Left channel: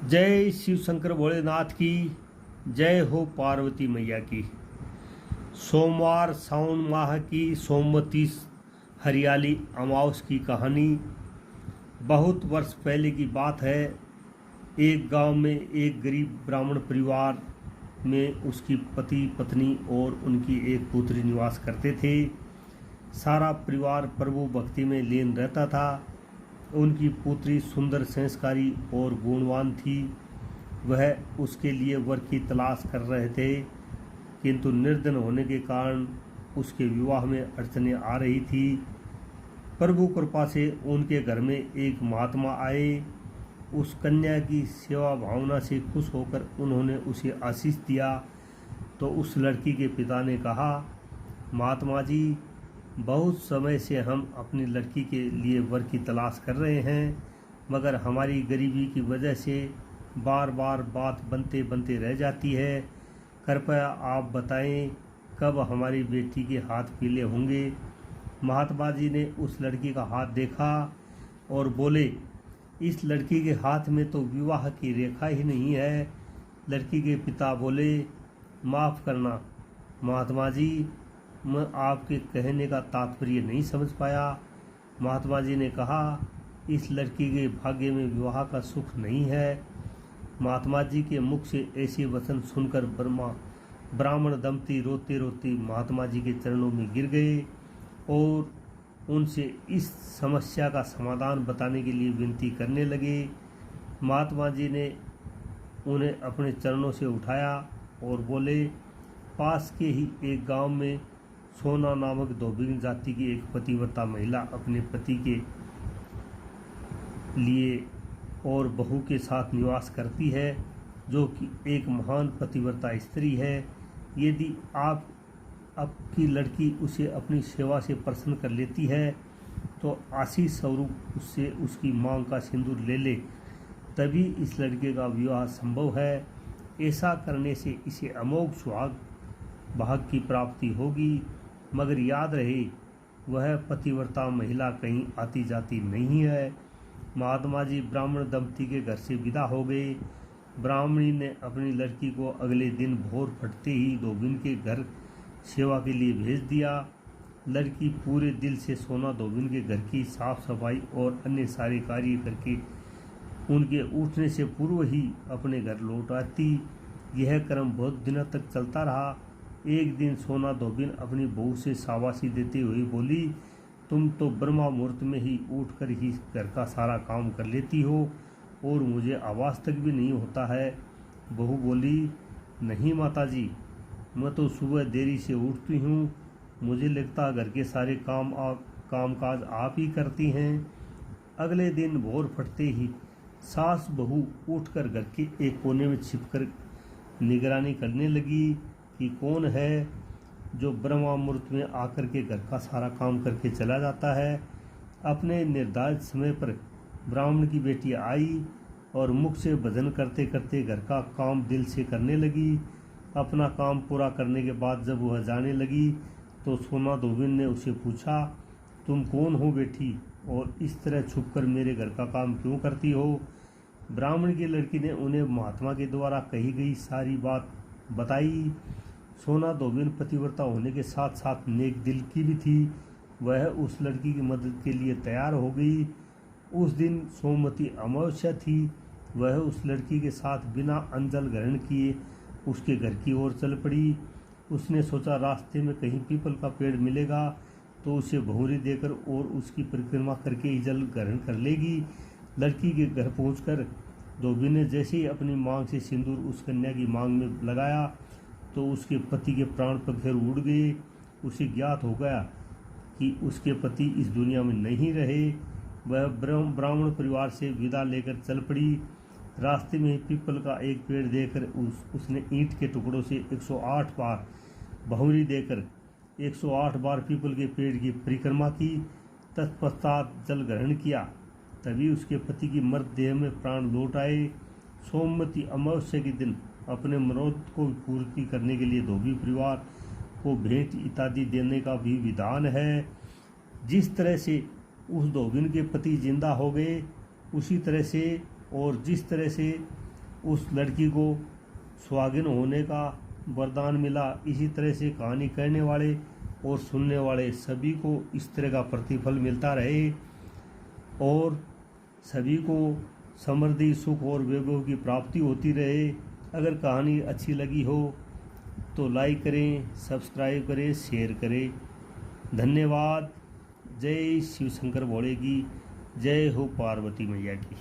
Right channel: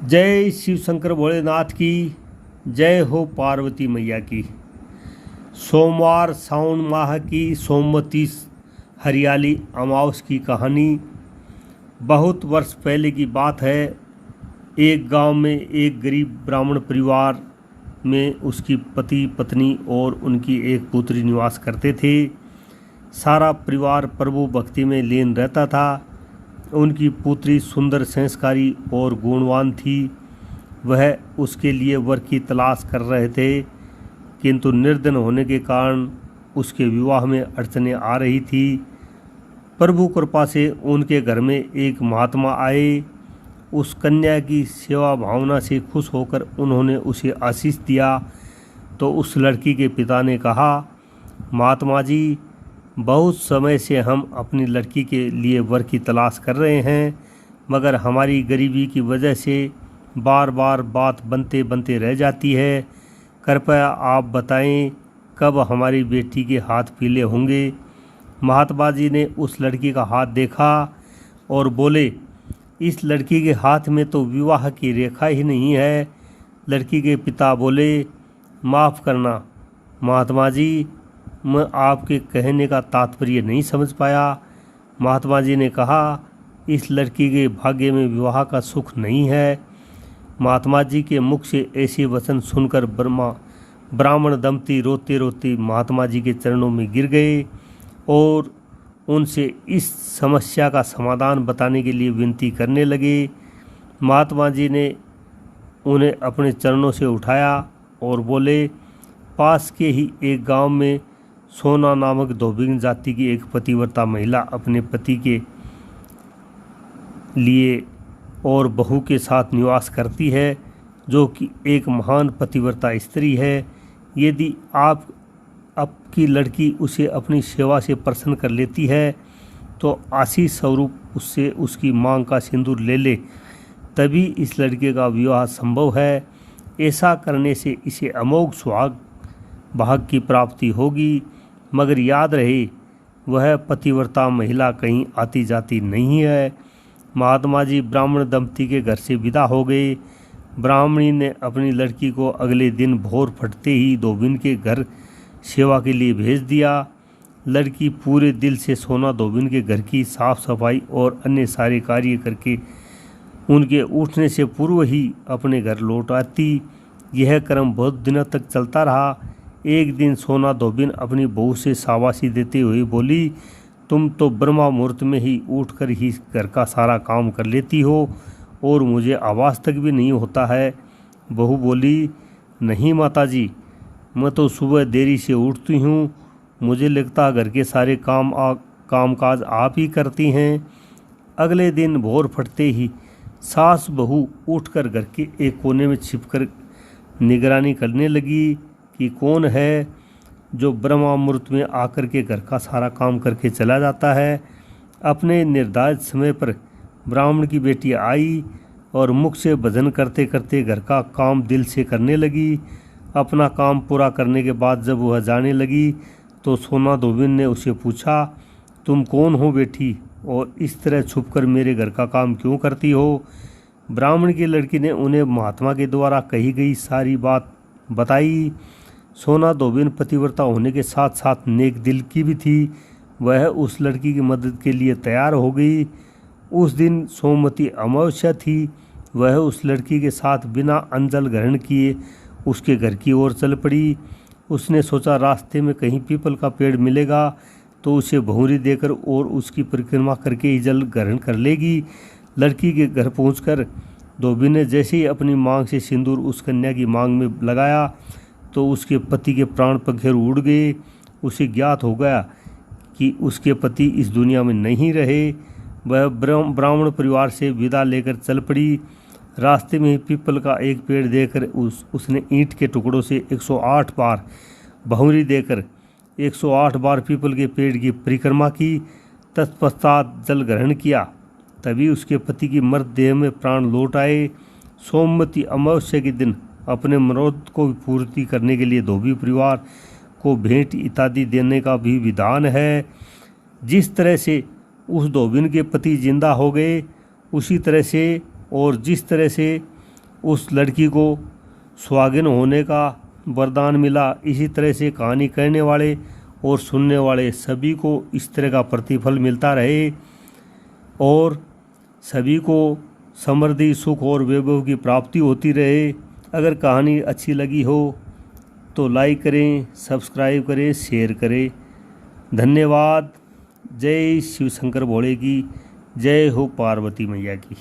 जय शिव शंकर भोलेनाथ की जय हो, पार्वती मैया की। सोमवार सावन माह की सोमवती हरियाली अमावस की कहानी। बहुत वर्ष पहले की बात है। एक गांव में एक गरीब ब्राह्मण परिवार में उसकी पति पत्नी और उनकी एक पुत्री निवास करते थे। सारा परिवार प्रभु भक्ति में लीन रहता था। उनकी पुत्री सुंदर, संस्कारी और गुणवान थी। वह उसके लिए वर की तलाश कर रहे थे, किंतु निर्धन होने के कारण उसके विवाह में अड़चनें आ रही थी। प्रभु कृपा से उनके घर में एक महात्मा आए। उस कन्या की सेवा भावना से खुश होकर उन्होंने उसे आशीष दिया। तो उस लड़की के पिता ने कहा, महात्मा जी, बहुत समय से हम अपनी लड़की के लिए वर की तलाश कर रहे हैं, मगर हमारी गरीबी की वजह से बार बार बात बनते बनते रह जाती है। कृपया आप बताएं कब हमारी बेटी के हाथ पीले होंगे। महात्मा जी ने उस लड़की का हाथ देखा और बोले, इस लड़की के हाथ में तो विवाह की रेखा ही नहीं है। लड़की के पिता बोले, माफ़ करना महात्मा जी, मैं आपके कहने का तात्पर्य नहीं समझ पाया। महात्मा जी ने कहा, इस लड़की के भाग्य में विवाह का सुख नहीं है। महात्मा जी के मुख से ऐसे वचन सुनकर ब्राह्मण दंपति रोते रोते महात्मा जी के चरणों में गिर गए और उनसे इस समस्या का समाधान बताने के लिए विनती करने लगे। महात्मा जी ने उन्हें अपने चरणों से उठाया और बोले, पास के ही एक गांव में सोना नामक धोबिन जाति की एक पतिव्रता महिला अपने पति के लिए और बहू के साथ निवास करती है, जो कि एक महान पतिव्रता स्त्री है। यदि आपकी लड़की उसे अपनी सेवा से प्रसन्न कर लेती है तो आशीष स्वरूप उससे उसकी मांग का सिंदूर ले ले, तभी इस लड़के का विवाह संभव है। ऐसा करने से इसे अमोघ सुहाग भाग की प्राप्ति होगी। मगर याद रहे, वह पतिव्रता महिला कहीं आती जाती नहीं है। महात्मा जी ब्राह्मण दंपति के घर से विदा हो गए। ब्राह्मणी ने अपनी लड़की को अगले दिन भोर फटते ही धोबिन के घर सेवा के लिए भेज दिया। लड़की पूरे दिल से सोना धोबिन के घर की साफ सफाई और अन्य सारे कार्य करके उनके उठने से पूर्व ही अपने घर लौट आती। यह क्रम बहुत दिनों तक चलता रहा। एक दिन सोना धोबिन अपनी बहू से शाबाशी देते हुए बोली, तुम तो ब्रह्मा मुहूर्त में ही उठकर ही घर का सारा काम कर लेती हो और मुझे आवाज़ तक भी नहीं होता है। बहू बोली, नहीं माताजी, मैं तो सुबह देरी से उठती हूँ। मुझे लगता घर के सारे कामकाज आप ही करती हैं। अगले दिन भोर फटते ही सास बहू उठकर घर के एक कोने में छिपकर निगरानी करने लगी कि कौन है जो ब्रह्मा मुहूर्त में आकर के घर का सारा काम करके चला जाता है। अपने निर्धारित समय पर ब्राह्मण की बेटी आई और मुख से भजन करते करते घर का काम दिल से करने लगी। अपना काम पूरा करने के बाद जब वह जाने लगी तो सोना धोबिन ने उसे पूछा, तुम कौन हो बेटी, और इस तरह छुपकर मेरे घर का काम क्यों करती हो। ब्राह्मण की लड़की ने उन्हें महात्मा के द्वारा कही गई सारी बात बताई। सोना धोबिन पतिव्रता होने के साथ साथ नेक दिल की भी थी। वह उस लड़की की मदद के लिए तैयार हो गई। उस दिन सोमवती अमावस्या थी। वह उस लड़की के साथ बिना अंजल ग्रहण किए उसके घर की ओर चल पड़ी। उसने सोचा रास्ते में कहीं पीपल का पेड़ मिलेगा तो उसे भौंरी देकर और उसकी परिक्रमा करके ही जल ग्रहण कर लेगी। लड़की के घर पहुंचकर धोबिन ने जैसे ही अपनी मांग से सिंदूर उस कन्या की मांग में लगाया तो उसके पति के प्राण पखेरु उड़ गए। उसे ज्ञात हो गया कि उसके पति इस दुनिया में नहीं रहे। वह ब्राह्मण परिवार से विदा लेकर चल पड़ी। रास्ते में पीपल का एक पेड़ देखकर उसने ईंट के टुकड़ों से 108 बार भौंरी देकर 108 बार पीपल के पेड़ की परिक्रमा की। तत्पश्चात जल ग्रहण किया। तभी उसके पति की मृत देह में प्राण लौट आए। सोमवती अमावस्या के दिन अपने मनोरथ को पूर्ति करने के लिए धोबी परिवार को भेंट इत्यादि देने का भी विधान है। जिस तरह से उस धोबिन के पति जिंदा हो गए, उसी तरह से और जिस तरह से उस लड़की को सुहागिन होने का वरदान मिला। इसी तरह से कहानी कहने वाले और सुनने वाले सभी को इस तरह का प्रतिफल मिलता रहे और सभी को समृद्धि, सुख और वैभव की प्राप्ति होती रहे। अगर कहानी अच्छी लगी हो तो लाइक करें, सब्सक्राइब करें, शेयर करें। धन्यवाद। जय शिव शंकर भोले की जय हो, पार्वती मैया की।